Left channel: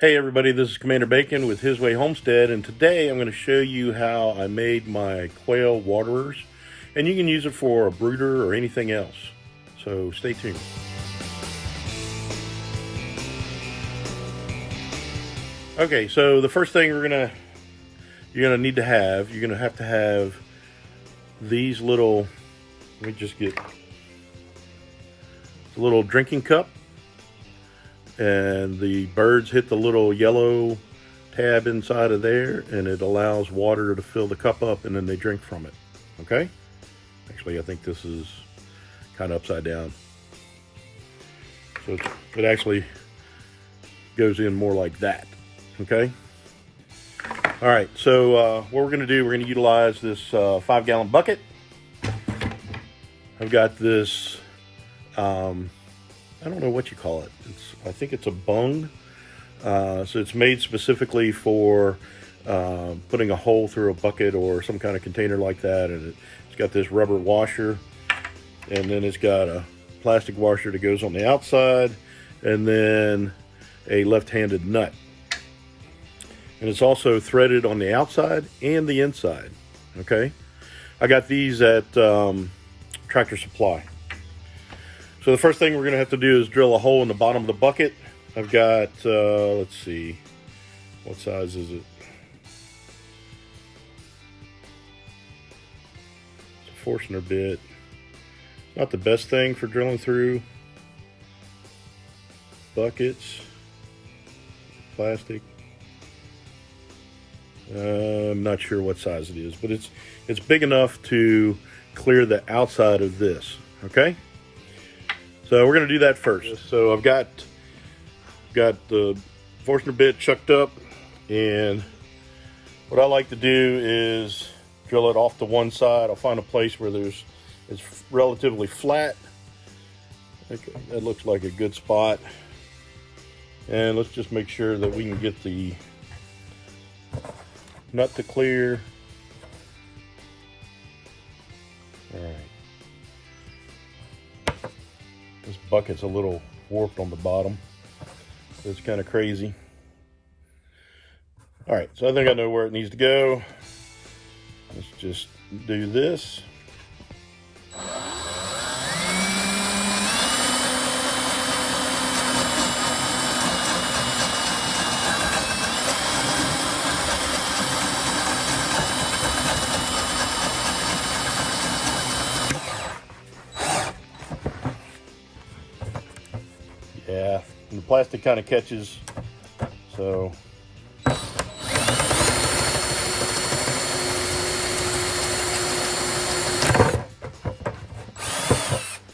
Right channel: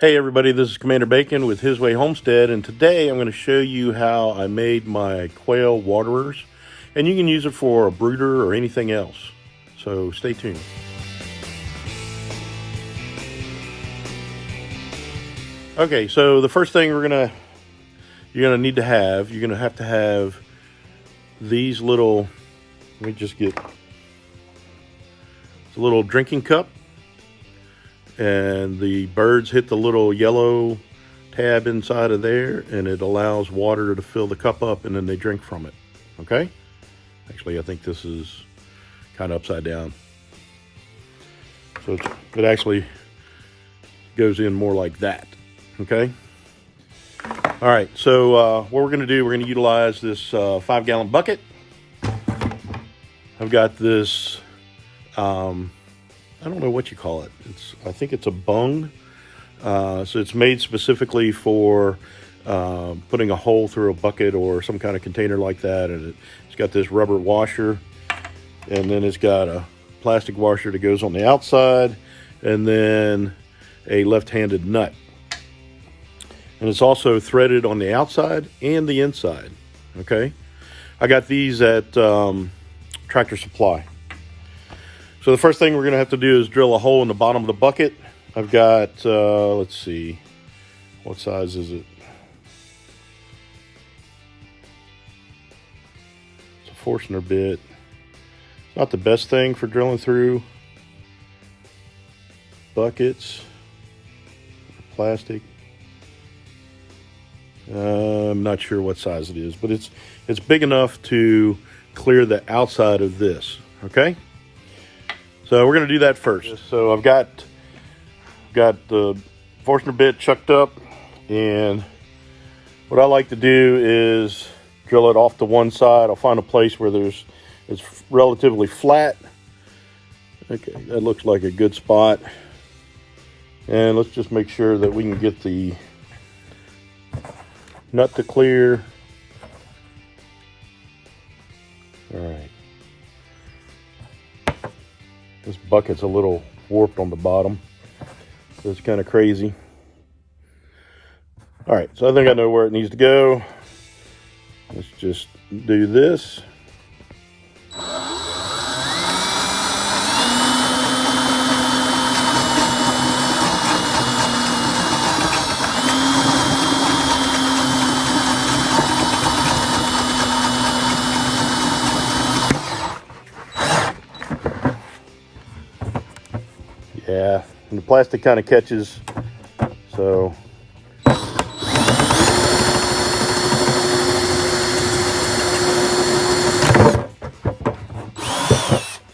Hey everybody, this is Commander Bacon with His Way Homestead, and today I'm going to show you how I made my quail waterers, and you can use it for a brooder or anything else. So stay tuned. Okay, so the first thing you're gonna need to have these little. Let me just get a little drinking cup. And the birds hit the little yellow tab inside of there, and it allows water to fill the cup up, and then they drink from it. Okay? Actually, I think this is kind of upside down. So it actually goes in more like that. Okay? All right, so what we're going to do, we're going to utilize this 5-gallon bucket. I've got this I don't know what you call it. I think it's a bung. So it's made specifically for putting a hole through a bucket or some kind of container like that. And it's got this rubber washer, and then it's got a plastic washer that goes on the outside, and then a left-handed nut. And it's also threaded on the outside and the inside. Okay, I got these at Tractor Supply. So the first thing we're going to have to do is drill a hole in the bottom of the bucket. I've got, let's see, what size is it? It's a Forstner bit. Not the best thing for drilling through buckets. Plastic. I'm not sure what size it is, but it's big enough to clear the outside of this, okay? So we're going to do that first. So I've got the Forstner bit chucked up, and what I like to do is drill it off to one side. I'll find a place where it's relatively flat. Okay, that looks like a good spot. And let's just make sure that we can get the nut to clear. All right. This bucket's a little warped on the bottom, so it's kind of crazy. All right, so I think I know where it needs to go. Let's just do this. Yeah, and the plastic kind of catches, so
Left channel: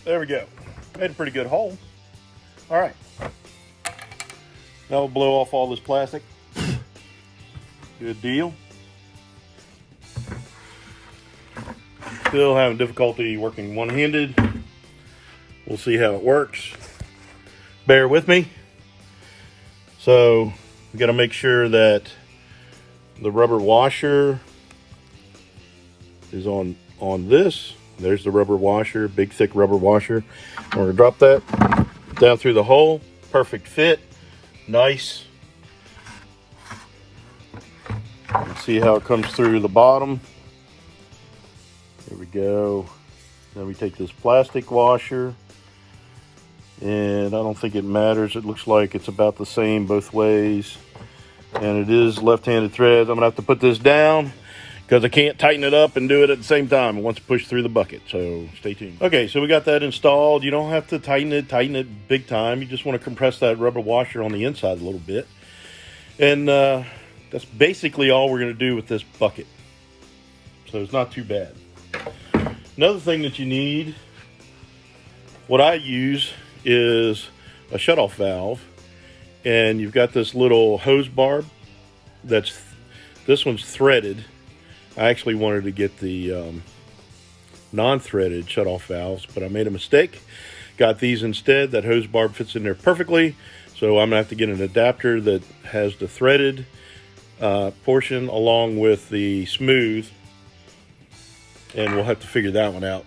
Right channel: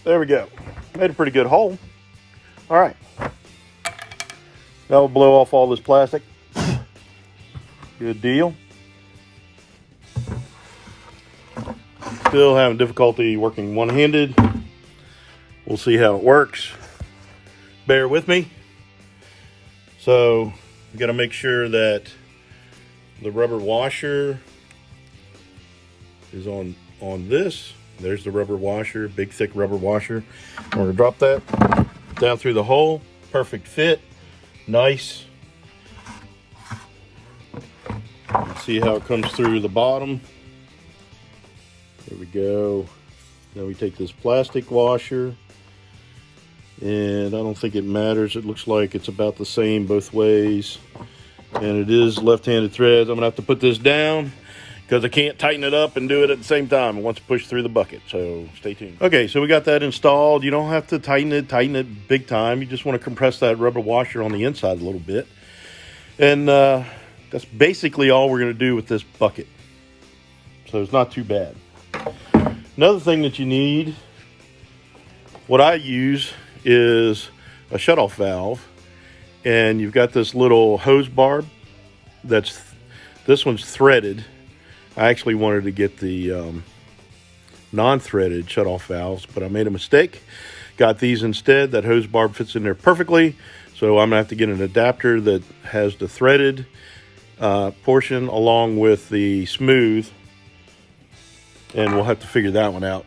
there we go. Made a pretty good hole. All right, now we'll blow off all this plastic. Good deal. Still having difficulty working one-handed. We'll see how it works. Bear with me. So we got to make sure that the rubber washer is on this. There's the rubber washer, big thick rubber washer. I'm going to drop that down through the hole. Perfect fit. Nice. Let's see how it comes through the bottom. There we go. Now we take this plastic washer, and I don't think it matters. It looks like it's about the same both ways. And it is left-handed threads. I'm gonna have to put this down because I can't tighten it up and do it at the same time. I want to push through the bucket, so stay tuned. Okay, so we got that installed. You don't have to tighten it big time. You just want to compress that rubber washer on the inside a little bit. And that's basically all we're gonna do with this bucket. So it's not too bad. Another thing that you need, what I use is a shutoff valve, and you've got this little hose barb this one's threaded. I actually wanted to get the non-threaded shutoff valves, but I made a mistake. Got these instead. That hose barb fits in there perfectly, so I'm gonna have to get an adapter that has the threaded portion along with the smooth, and we'll have to figure that one out.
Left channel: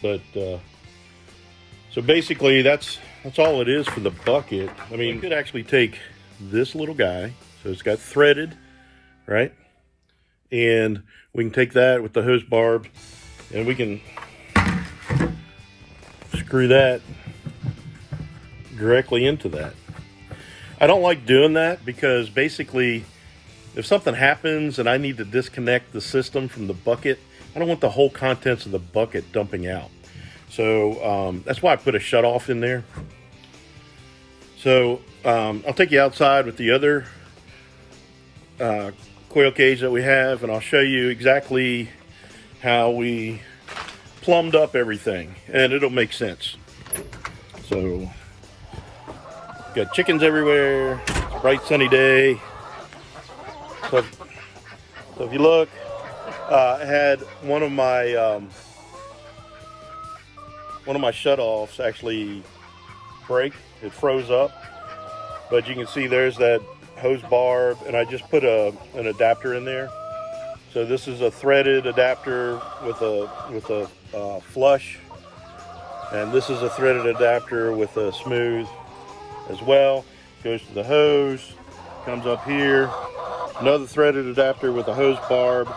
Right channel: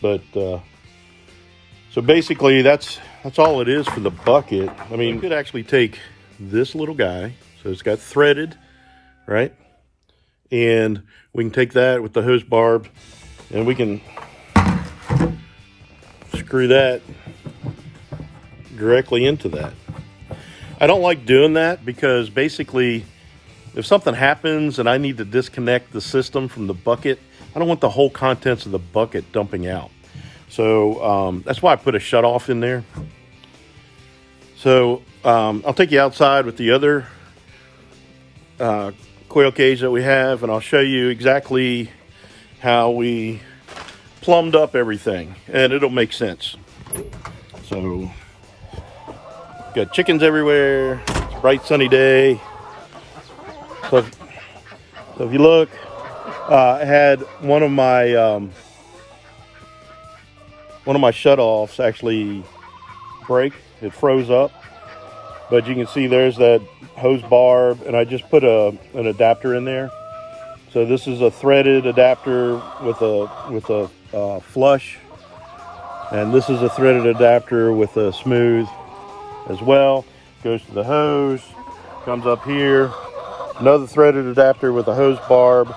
But so basically that's all it is for the bucket. I mean, you could actually take this little guy. So it's got threaded, right? And we can take that with the hose barb and we can screw that directly into that. I don't like doing that because basically if something happens and I need to disconnect the system from the bucket, I don't want the whole contents of the bucket dumping out. So that's why I put a shutoff in there. So I'll take you outside with the other quail cage that we have, and I'll show you exactly how we plumbed up everything, and it'll make sense. So got chickens everywhere. It's a bright sunny day. So if you look, I had one of my shutoffs actually break. It froze up, but you can see there's that hose barb, and I just put an adapter in there. So this is a threaded adapter with a flush, and this is a threaded adapter with a smooth as well. Goes to the hose, comes up here, another threaded adapter with a hose barb,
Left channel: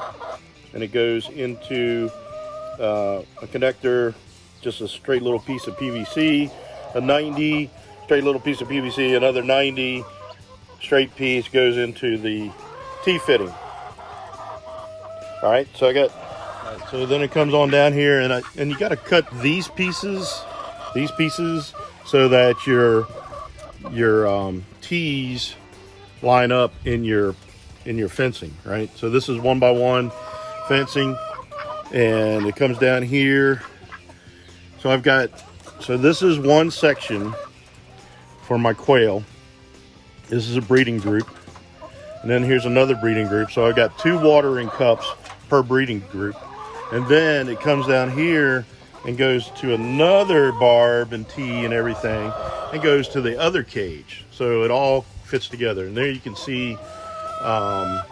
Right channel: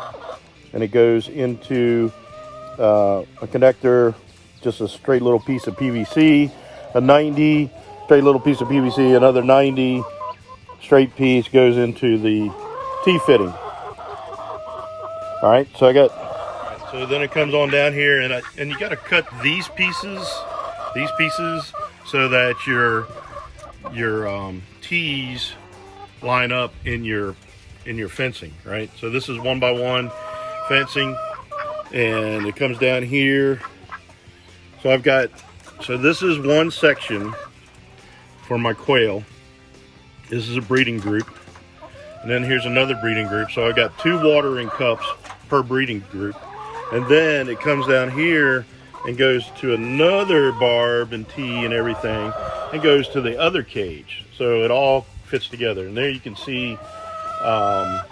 and it goes into a connector, just a straight little piece of PVC, a 90 straight little piece of PVC, another 90 straight piece goes into the T-fitting. All right, so so then it comes on down here, and you got to cut these pieces so that your T's line up in your fencing, right? So this is 1x1 fencing, and it comes down here. So this is one section for my quail. This is a breeding group, and then here's another breeding group. So I got 2 watering cups per breeding group, and then it comes down here and goes to another barb and T and everything, and goes to the other cage. So it all fits together, and there you can see that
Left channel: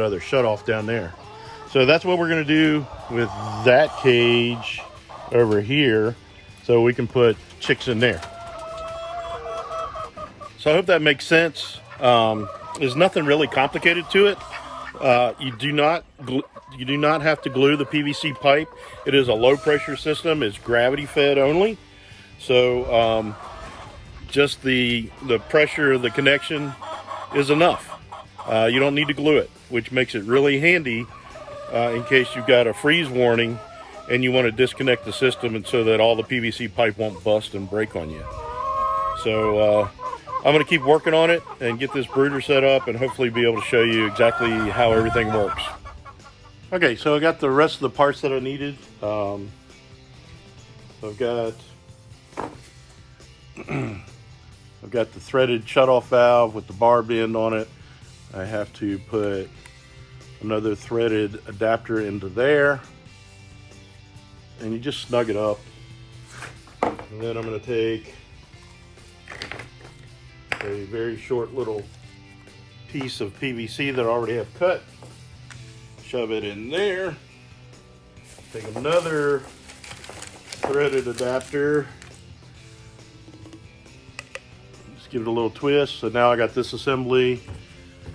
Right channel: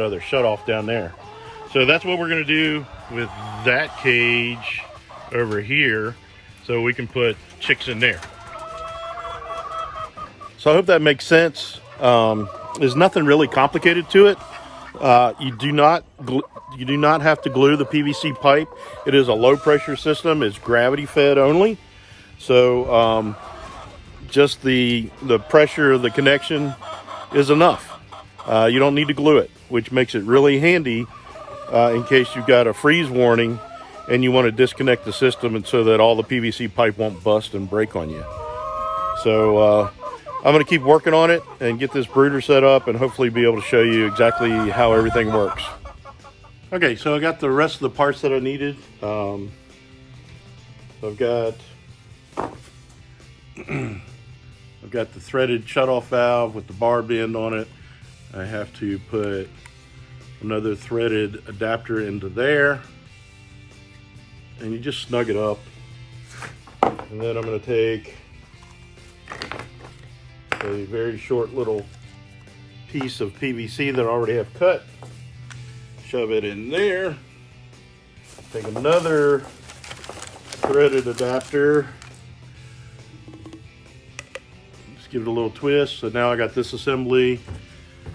other shutoff down there. So that's what we're going to do with that cage over here, so we can put chicks in there. So I hope that makes sense. There's nothing really complicated to it. You do not have to glue the PVC pipe. It is a low pressure system. It's gravity fed only. So just the pressure of the connection is enough. You don't need to glue it, which makes it really handy in case you've got a freeze warning and you want to disconnect the system, and so that all the PVC pipe won't bust and break on you. So I'm going to keep working on it and get this brooder set up, and hopefully be able to show you exactly how everything works. Okay, so I got the rest of the parts that I needed. So I've got the threaded shutoff valve with the barbed end on it. I have to put another threaded adapter into there, and you just snug it up. And then I'm going to take a very short little piece of PVC that I already have cut, shove it in there, take another threaded adapter, just give it a little twist. So now I got this assembly,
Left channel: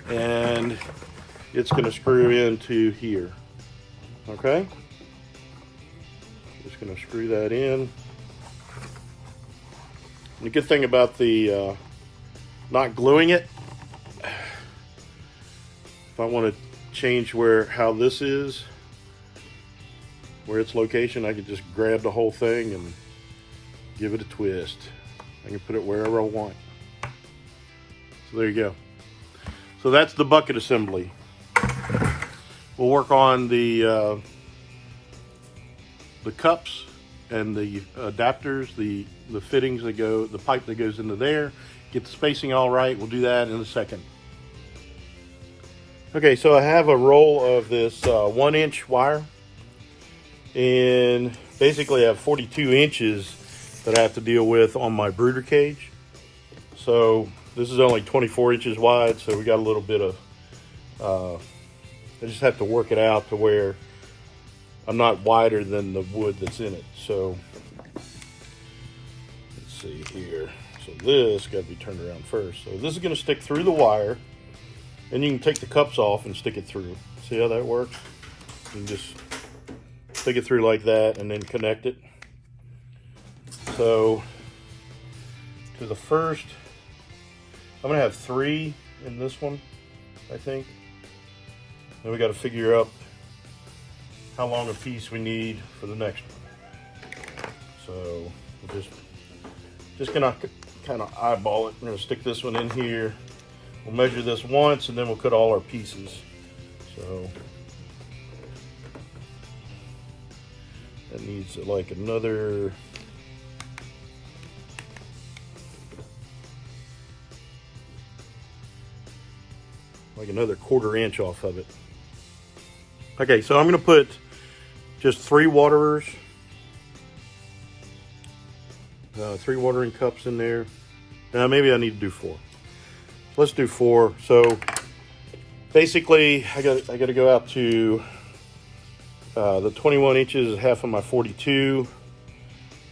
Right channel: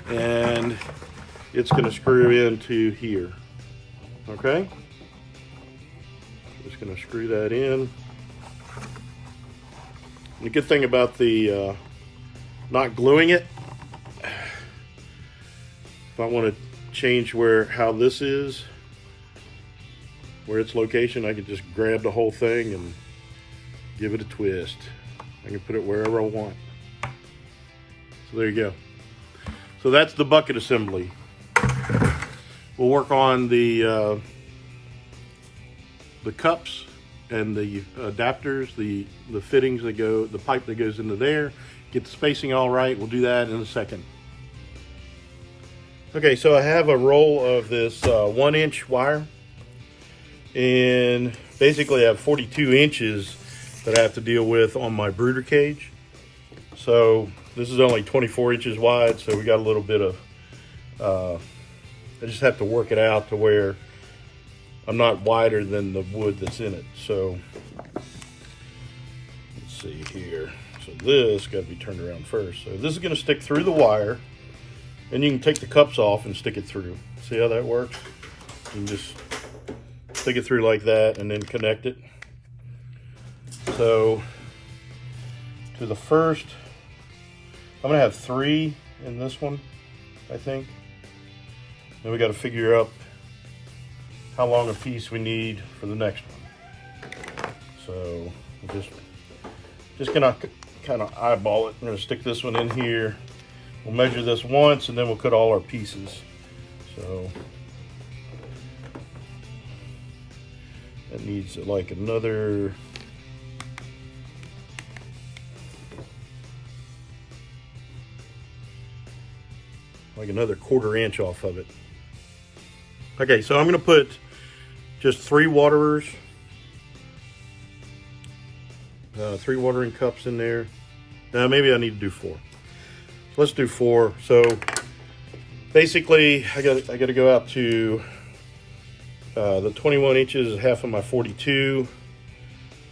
and it's going to screw into here. Okay, just going to screw that in. And the good thing about the not gluing it, if I want to change how this is, where its location, I can just grab the whole thing and give it a twist. I can put it wherever I want. So there you go. So that's the bucket assembly. We'll work on the cups and the adapters, the fittings that go, the pipe that goes into there. Get the spacing all right. We'll do that in a second. Okay, so I have a roll of this 1-inch wire, and basically I have 42 inches that I have to deal with on my brooder cage. So this is only 24 inches wide, so we got a little bit of, I just have to work it out to where I'm not wider than the wood that's in it. So let's see here. So this got to be turned around first. So this is going to stick through the wire, and you can take the cups off and stick it through. See how that works? You can just stick it through like that and then connect it. So to the first, I'm going to have 3 in this one, I think. Then we got to figure out how long a piece we need for the next one. So we're just gonna kind of eyeball it. We're gonna stick this one in here. We'll measure this once and then we'll cut all our pieces. So that needs like another quarter inch off of it. Okay, so I'm gonna put just 3 waterers, 3 watering cups in there. Now maybe I need to do 4. Let's do 4. So basically, I got to go out to the 21 inches is half of my 42.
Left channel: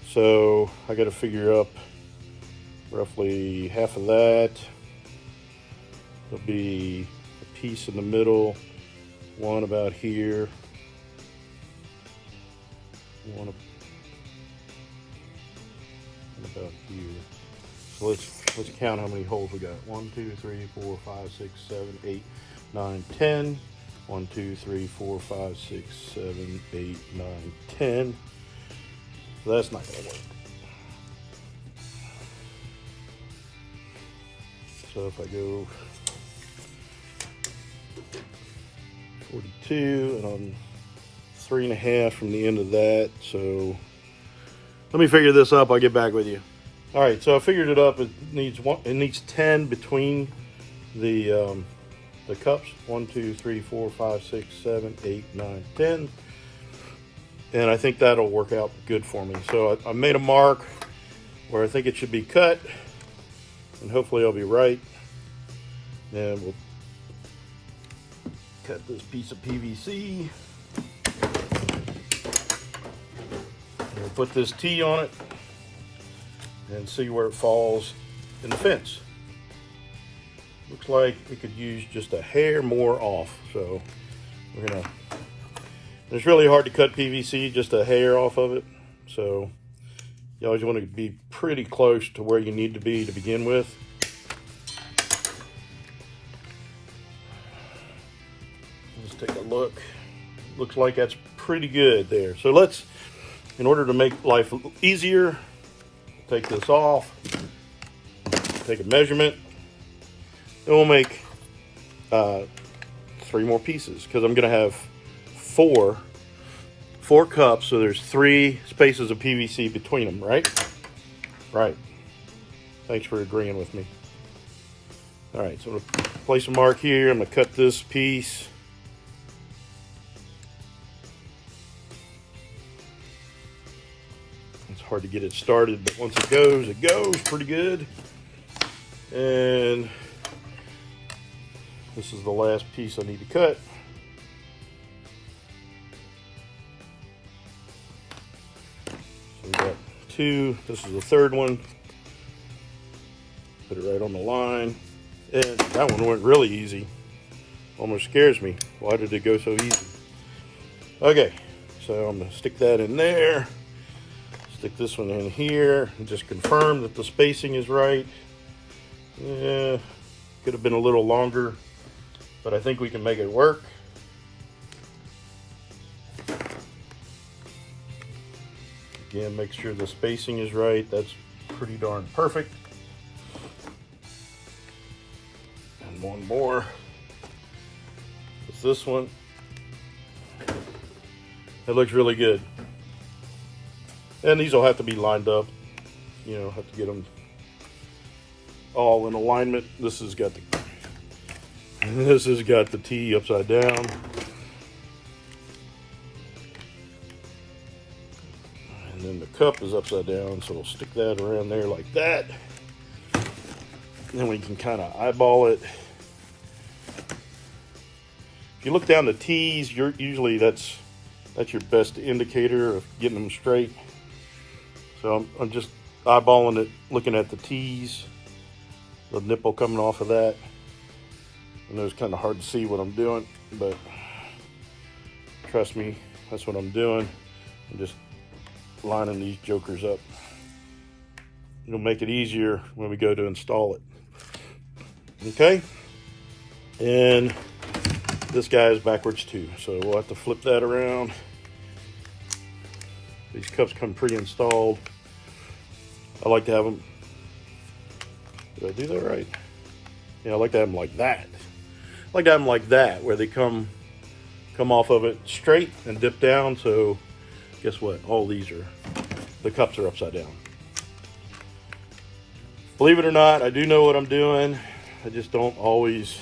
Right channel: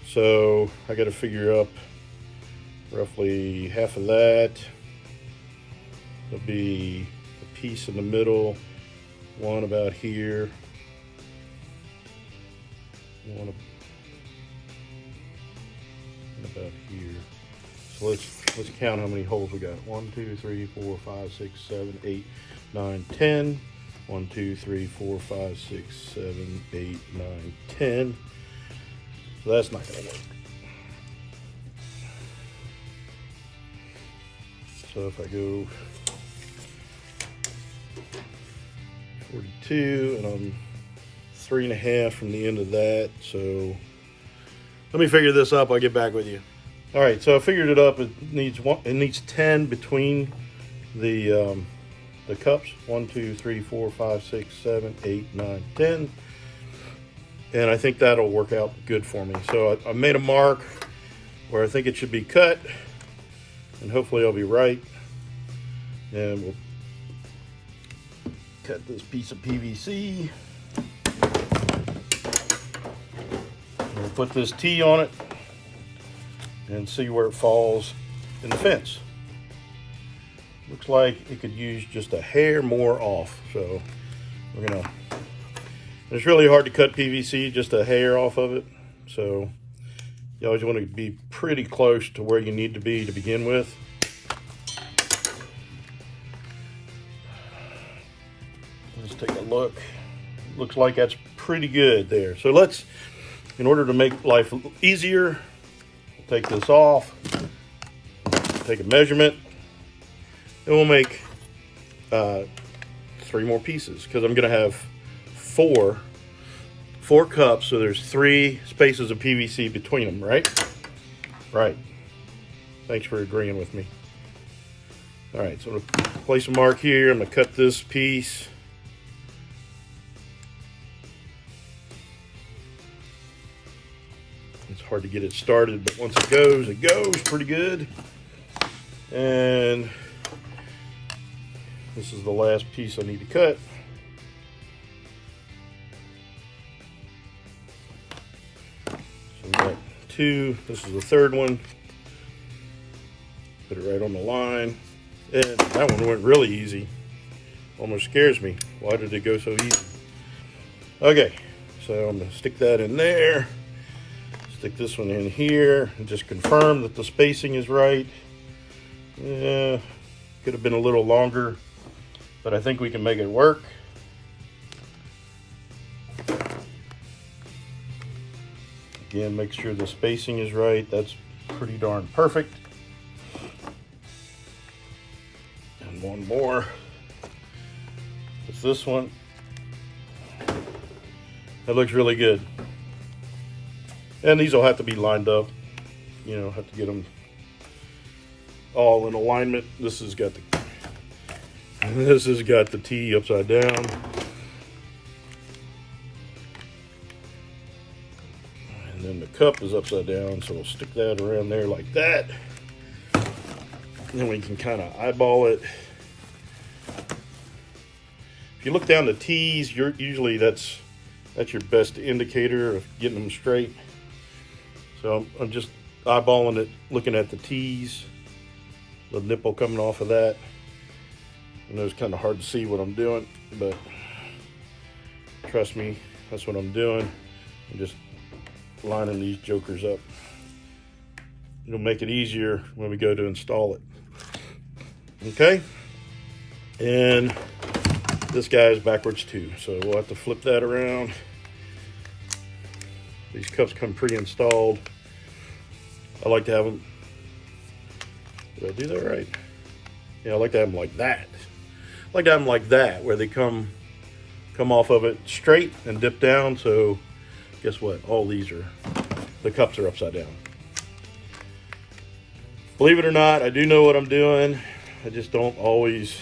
So I got to figure up roughly half of that. There'll be a piece in the middle, one about here, one about here. So let's count how many holes we got. 1, 2, 3, 4, 5, 6, 7, 8, 9, 10. 1, 2, 3, 4, 5, 6, 7, 8, 9, 10. So that's not gonna work. So if I go 42 and I'm 3.5 from the end of that, so let me figure this up. I'll get back with you. All right, so I figured it up. It needs 10 between the cups. 1, 2, 3, 4, 5, 6, 7, 8, 9, 10. And I think that'll work out good for me. So I made a mark where I think it should be cut, and hopefully I'll be right. And we'll cut this piece of PVC. We'll put this T on it and see where it falls in the fence. Looks like it could use just a hair more off. So we're gonna, it's really hard to cut PVC, just a hair off of it. So you always want to be pretty close to where you need to be to begin with. Let's take a look. Looks like that's pretty good there. So let's, in order to make life easier, take this off, take a measurement, and we'll make 3 more pieces, because I'm gonna have four cups, so there's 3 spaces of PVC between them, right? Right. Thanks for agreeing with me. All right, so I'm gonna place a mark here. I'm gonna cut this piece. It's hard to get it started, but once it goes pretty good. And this is the last piece I need to cut. So we got 2. This is the 3rd one. Put it right on the line. And that one went really easy. Almost scares me. Why did it go so easy? Okay, so I'm gonna stick that in there. Stick this one in here and just confirm that the spacing is right. Yeah, could have been a little longer, but I think we can make it work. Again, make sure the spacing is right. That's pretty darn perfect. And one more. It's this one. That looks really good. And these will have to be lined up. You know, have to get them all in alignment. This has got the T upside down. And then the cup is upside down, so we'll stick that around there like that. Then we can kind of eyeball it. If you look down the T's, usually that's your best indicator of getting them straight. So I'm just eyeballing it, looking at the T's, the nipple coming off of that. I know it's kind of hard to see what I'm doing, but trust me, that's what I'm doing. I'm just lining these jokers up. It'll make it easier when we go to install it. Okay, and this guy is backwards too, so we'll have to flip that around. These cups come pre-installed. I like to have them, did I do that right? Yeah, I like to have them like that. I like to have them like that, where they come off of it straight and dip down. So guess what? All these are, the cups are upside down. Believe it or not, I do know what I'm doing. I just don't always,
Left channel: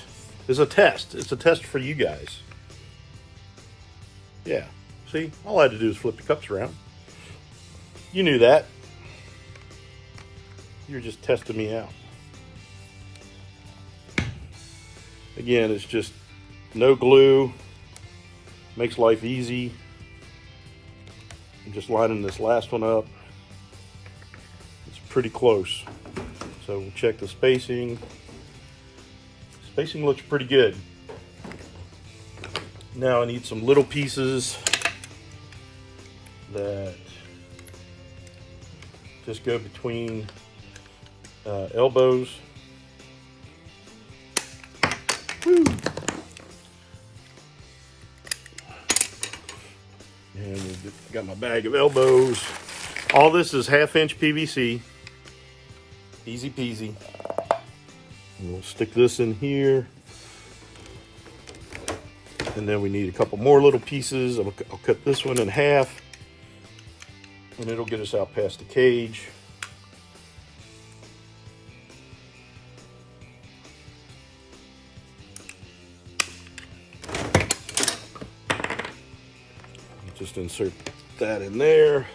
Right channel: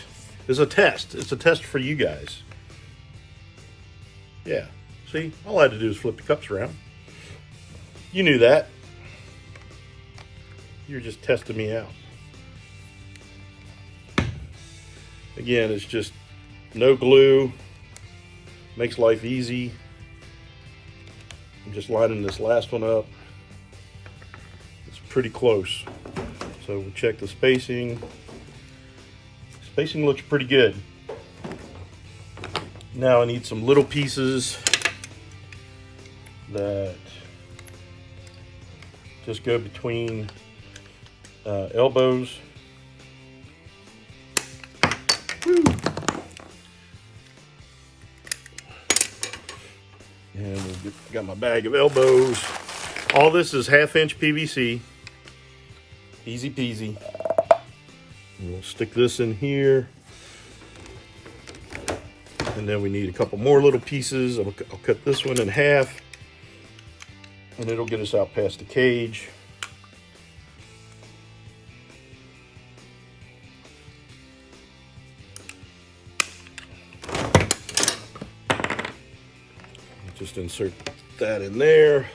it's a test. It's a test for you guys. Yeah, see, all I had to do is flip the cups around. You knew that. You're just testing me out. Again, it's just no glue. Makes life easy. I'm just lining this last one up. It's pretty close. So we'll check the spacing. Spacing looks pretty good. Now I need some little pieces that just go between elbows. Woo. And got my bag of elbows. All this is 1/2 inch PVC. Easy peasy. And we'll stick this in here. And then we need a couple more little pieces. I'll cut this one in half. And it'll get us out past the cage. Just insert that in there.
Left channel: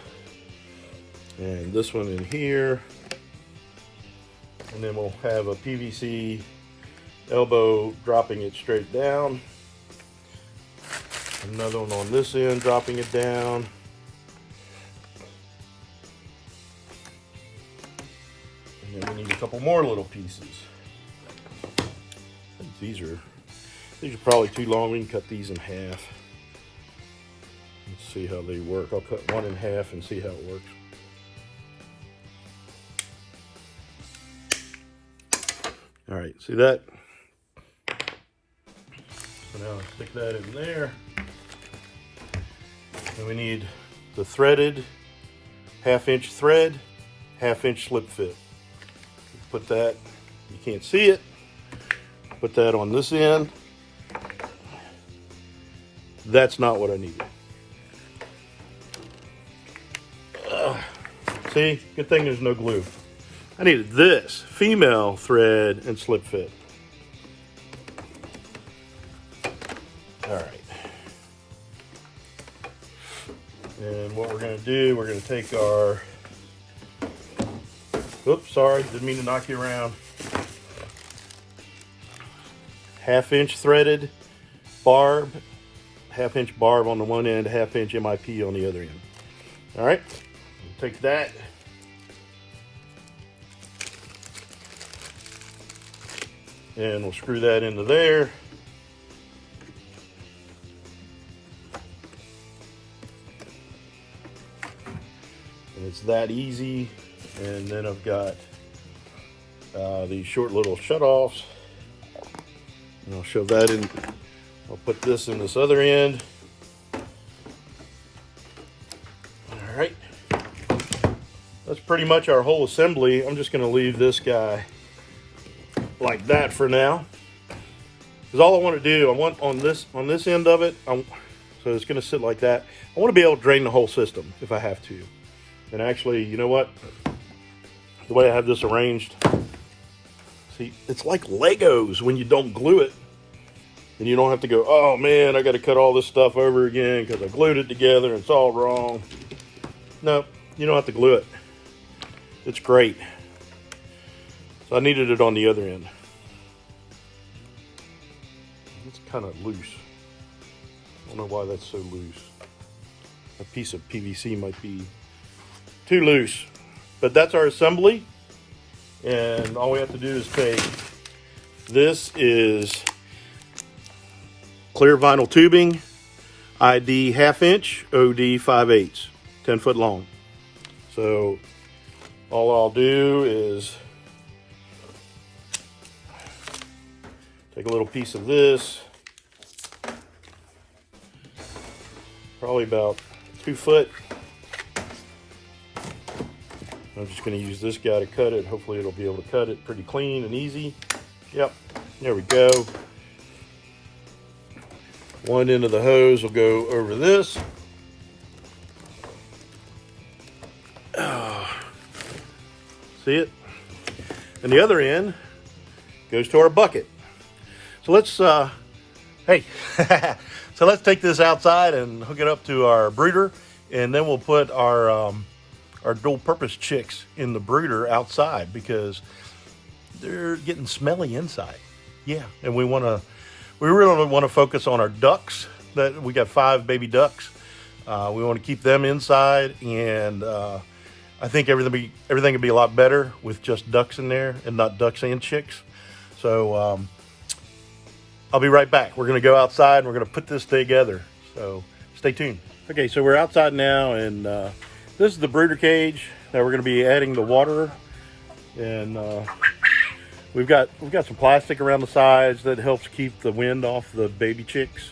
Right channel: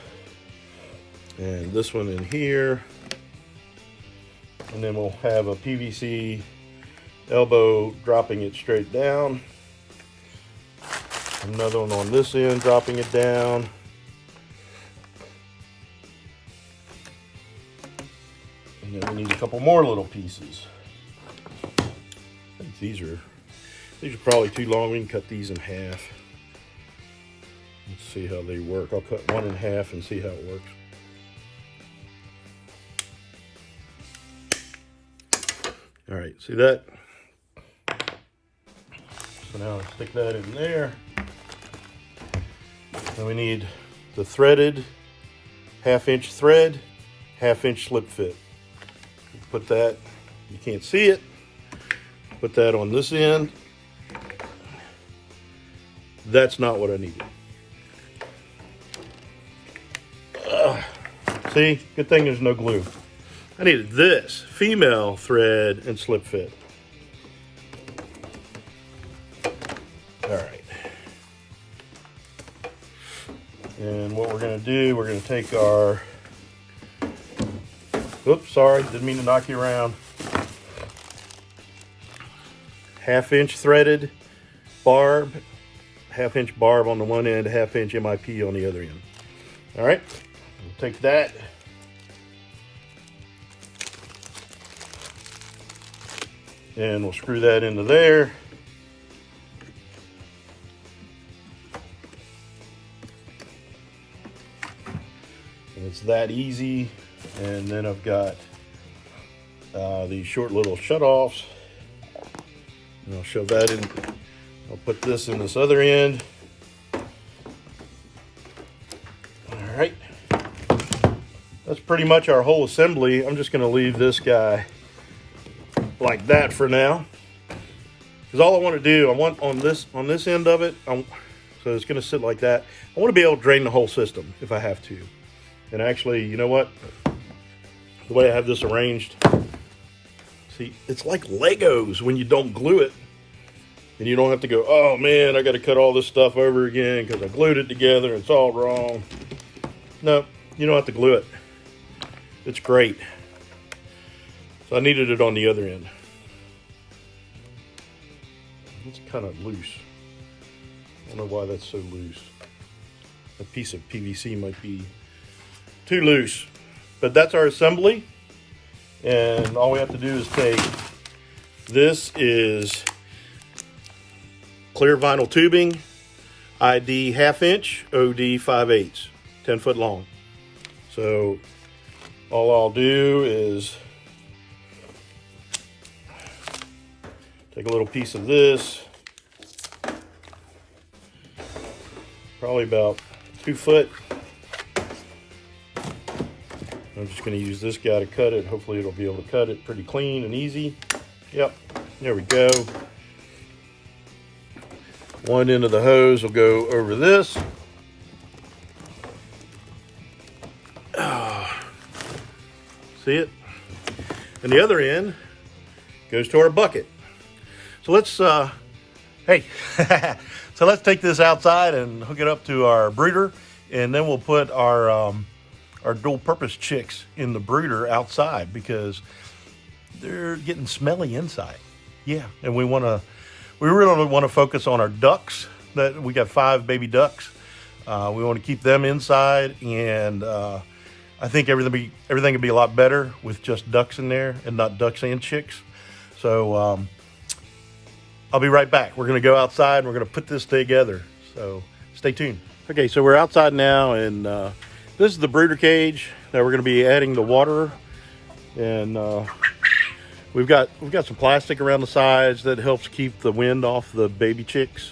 And this one in here. And then we'll have a PVC elbow dropping it straight down. Another one on this end, dropping it down. And then we need a couple more little pieces. I think these are probably too long. We can cut these in half. Let's see how they work. I'll cut one in half and see how it works. All right, see that? So now I'll stick that in there. Then we need the threaded 1/2 inch thread, 1/2 inch slip fit. Put that, you can't see it, put that on this end. That's not what I needed. See, good thing there's no glue. I needed this female thread and slip fit. All right. And what we're gonna do, we're gonna take our, oops, sorry, didn't mean to knock you around. 1/2 inch threaded barb, 1/2 inch barb on the one end, 1/2 inch MIP on the other end. All right, we'll take that. And we'll screw that into there. And it's that easy. And then I've got these short little shutoffs. And I'll shove that in. I'll put this in this other end. All right. That's pretty much our whole assembly. I'm just going to leave this guy like that for now, because all I want to do, I want on this end of it, so it's going to sit like that. I want to be able to drain the whole system if I have to. And actually, you know what, the way I have this arranged, see, it's like Legos when you don't glue it, and you don't have to go, oh man, I got to cut all this stuff over again because I glued it together and it's all wrong. No, you don't have to glue it. It's great. I needed it on the other end. It's kind of loose. I don't know why that's so loose. A piece of PVC might be too loose. But that's our assembly. And all we have to do is take, this is clear vinyl tubing, ID 1/2 inch, OD 5/8, 10 foot long. So all I'll do is take a little piece of this, probably about 2 foot. I'm just going to use this guy to cut it. Hopefully it'll be able to cut it pretty clean and easy. Yep, there we go. One end of the hose will go over this. See it? And the other end goes to our bucket. So let's, hey, so let's take this outside and hook it up to our brooder, and then we'll put our dual purpose chicks in the brooder outside because they're getting smelly inside. Yeah, and we really want to focus on our ducks. That we got 5 baby ducks. We want to keep them inside, and I think everything would be a lot better with just ducks in there and not ducks and chicks. So I'll be right back. We're going to go outside and we're going to put this together. So stay tuned. Okay, so we're outside now, and this is the brooder cage that we're going to be adding the water. And we've got some plastic around the sides that helps keep the wind off the baby chicks.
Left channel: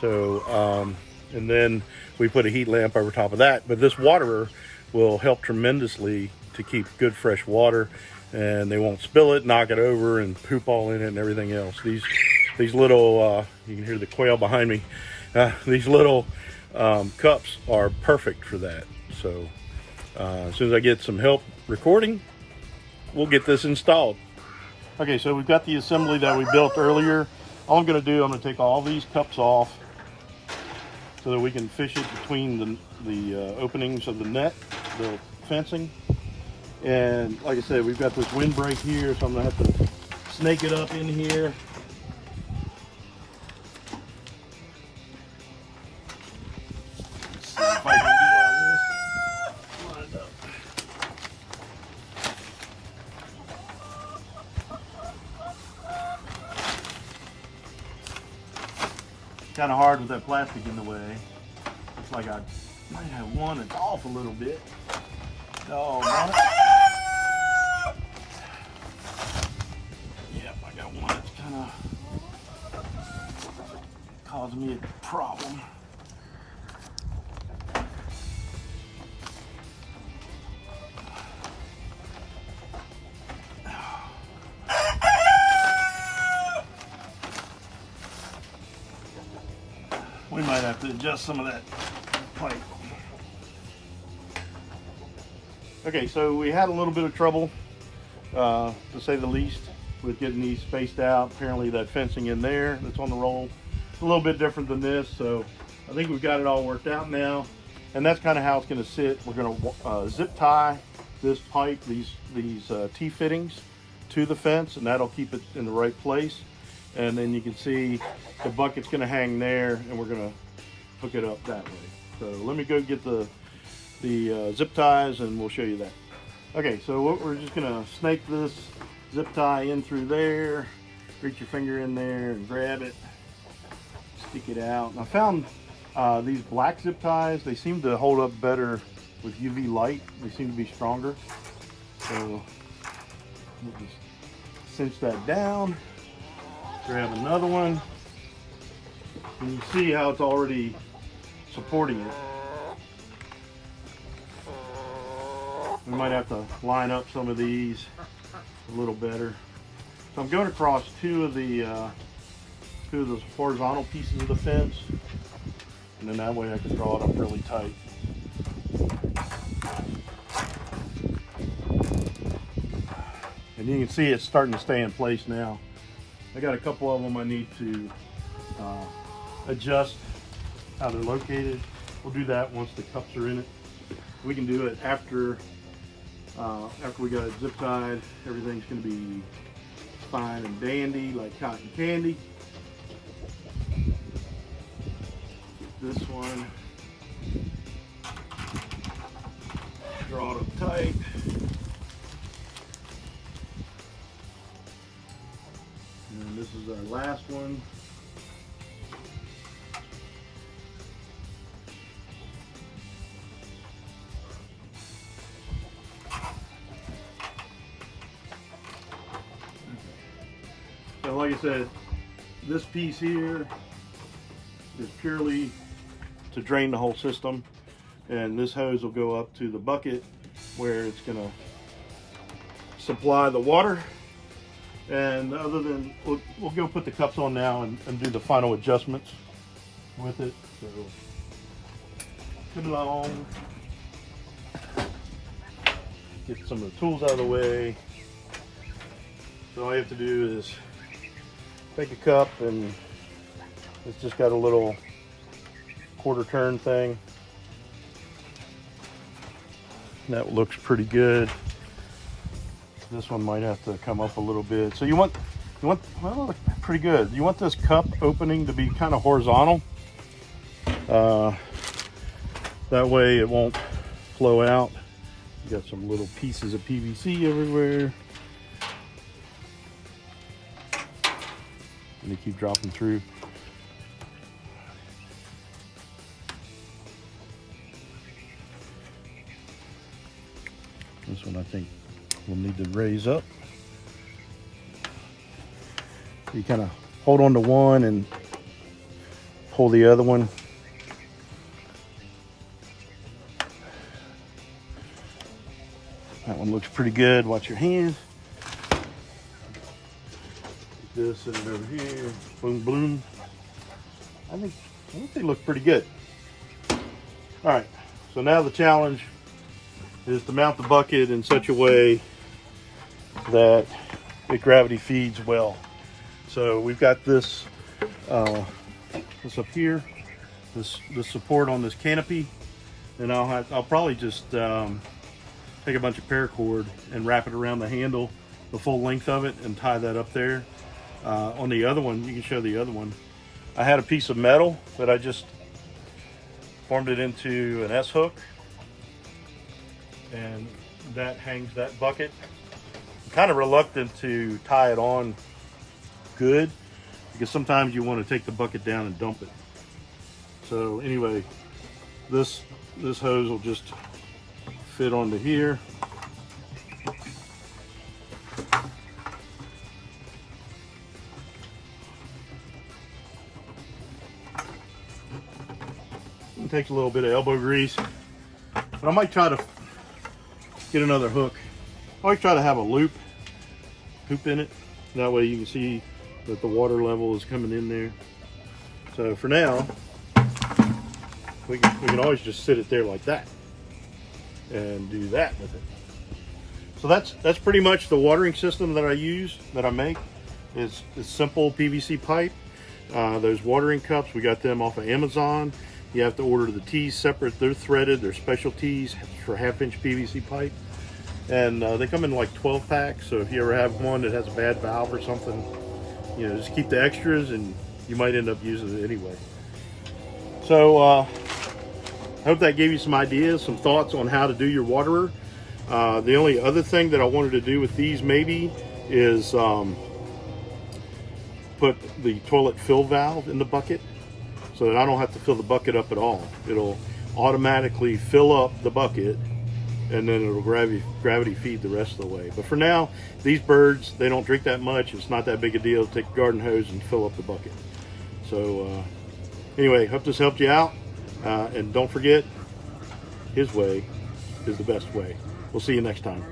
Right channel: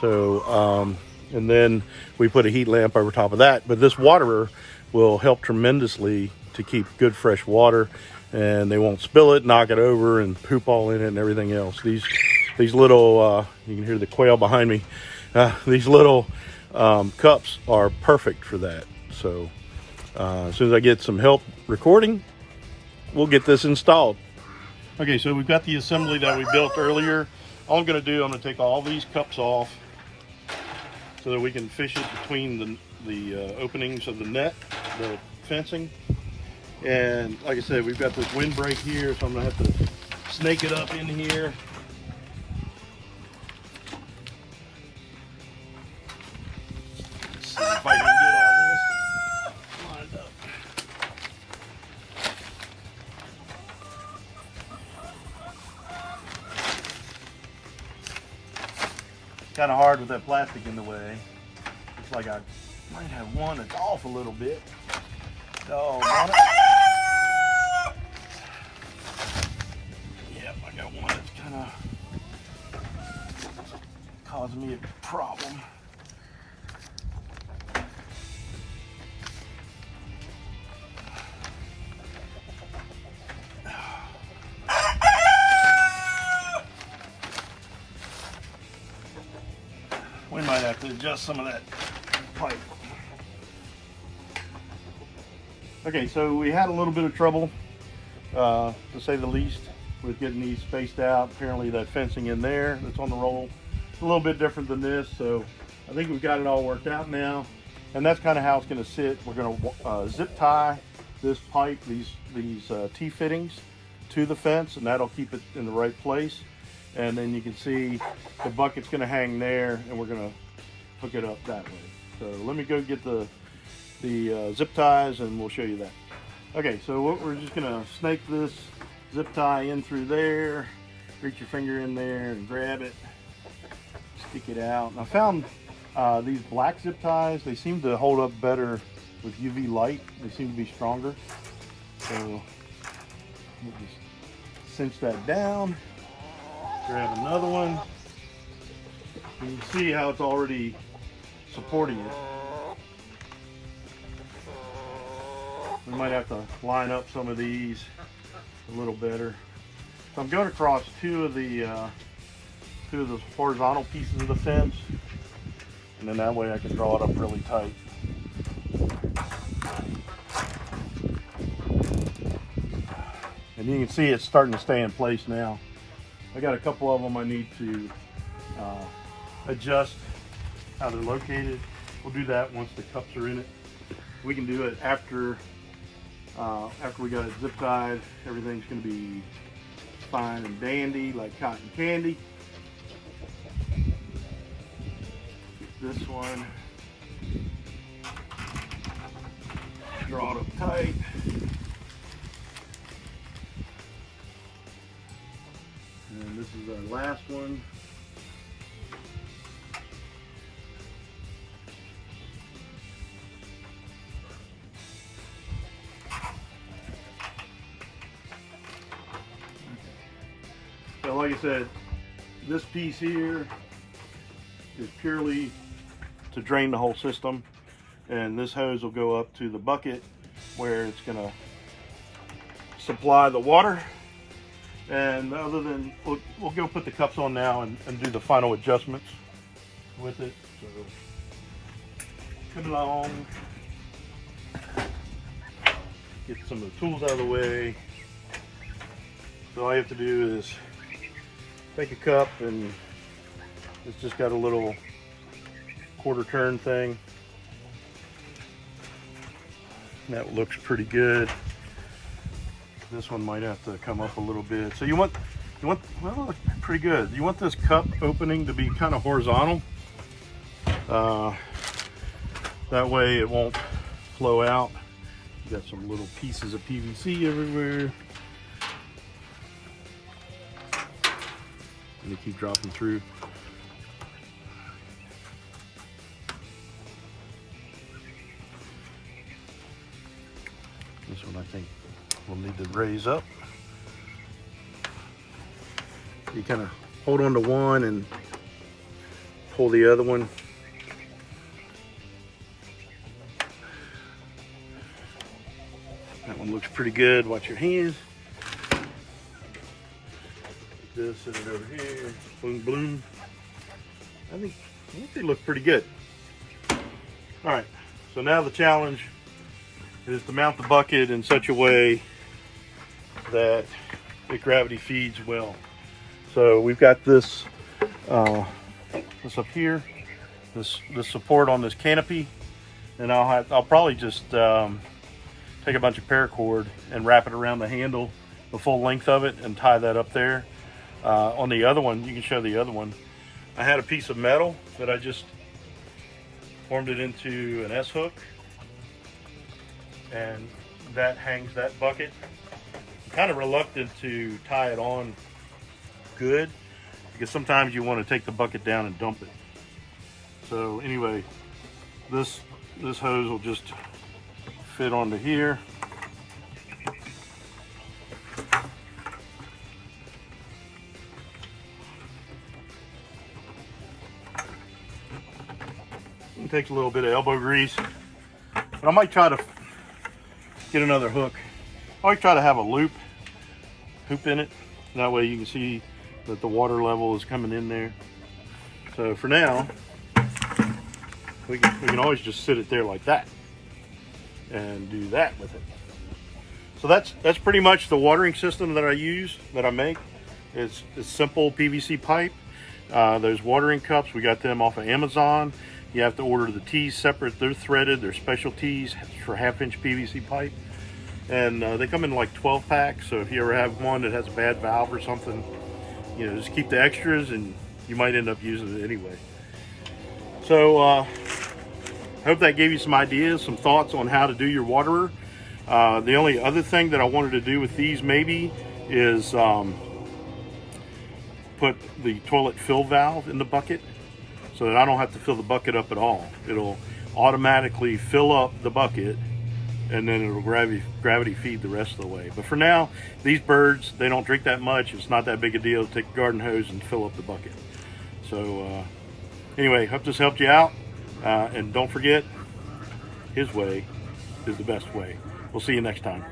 So and then we put a heat lamp over top of that. But this water will help tremendously to keep good fresh water, and they won't spill it, knock it over, and poop all in it and everything else. These little, you can hear the quail behind me. These little cups are perfect for that. So as soon as I get some help recording, we'll get this installed. Okay, so we've got the assembly that we built earlier. All I'm going to do, I'm going to take all these cups off so that we can fish it between the openings of the net, the fencing. And like I said, we've got this windbreak here, so I'm going to have to snake it up in here. Let's see if I can get all this lined up. Kind of hard with that plastic in the way. Looks like I might have one that's off a little bit. Doggone it. Yep, I got one that's kind of causing me a problem. We might have to adjust some of that pipe. Okay, so we had a little bit of trouble, to say the least, with getting these spaced out. Apparently that fencing in there that's on the roll is a little bit different than this, so I think we've got it all worked out now. And that's kind of how it's going to sit. We're going to zip tie this pipe, these T-fittings to the fence, and that'll keep it in the right place. And then you can see the bucket's going to hang there, and we're going to hook it up that way. So let me go get the zip ties, and we'll show you that. Okay, so we're just going to snake this zip tie in through there. Reach your finger in there and grab it, stick it out. And I found these black zip ties, they seem to hold up better with UV light. They seem to be stronger. So we'll just cinch that down. Grab another one, and you can see how it's already supporting it. We might have to line up some of these a little better. So I'm going across two of those horizontal pieces of the fence, and then that way I can draw it up really tight. And you can see it's starting to stay in place now. I got a couple of them I need to adjust how they're located. We'll do that once the cups are in it. We can do it after we got it zip tied. Everything's going to be fine and dandy like cotton candy. This one, draw it up tight. And this is our last one. So like I said, this piece here is purely to drain the whole system, and this hose will go up to the bucket where it's going to supply the water. And other than, we'll go put the cups on now and do the final adjustments with it. So come along, get some of the tools out of the way. So all you have to do is take a cup, and it's just got a little quarter turn thing. That looks pretty good. This one might have to come up a little bit. So you want, well, pretty good. You want this cup opening to be kind of horizontal. That way it won't flow out. You got some little pieces of PVC everywhere. And they keep dropping through. This one I think we'll need to raise up. You kind of hold on to one and pull the other one. That one looks pretty good. Watch your hand. Like this, and it over here. Boom, boom. I think they look pretty good. All right. So now the challenge is to mount the bucket in such a way that it gravity feeds well. So we've got this this up here, this support on this canopy, and I'll probably just take a bunch of paracord and wrap it around the handle, the full length of it, and tie that up there. On the other one, you can show the other one. I had a piece of metal that I just formed it into an S hook, and that hangs that bucket. I'm kind of reluctant to tie it on good, because sometimes you want to take the bucket down and dump it. So anyway, this hose will just fit onto here. It takes a little bit of elbow grease, but I might try to get another hook. I always try to have a hoop in it. That way you can see that the water level is coming in there. So for now, we can always just sit it there like that and do that with it. So that's pretty much the watering system that I use, that I make. It's simple PVC pipe. Those watering cups, we got them off of Amazon. You have to order the tees separate. They're threaded. They're special tees for 1/2-inch PVC pipe. And they come in like 12 packs. So if you ever have one that has a bad valve or something, you know, just keep the extras and you might end up using it anyway. So I hope that gave you some ideas, some thoughts on how to do your waterer. The only other thing that I wanted to do with these maybe is put the toilet fill valve in the bucket, so that I don't have to fill the bucket up at all. It'll automatically fill up the bucket, and then it'll gravity feed the rest of the way. But for now, these birds, they don't drink that much. It's not that big a deal to take a garden hose and fill up the bucket. So anyway, hope this helped you out. And don't forget, his way is the best way. We'll see you next time.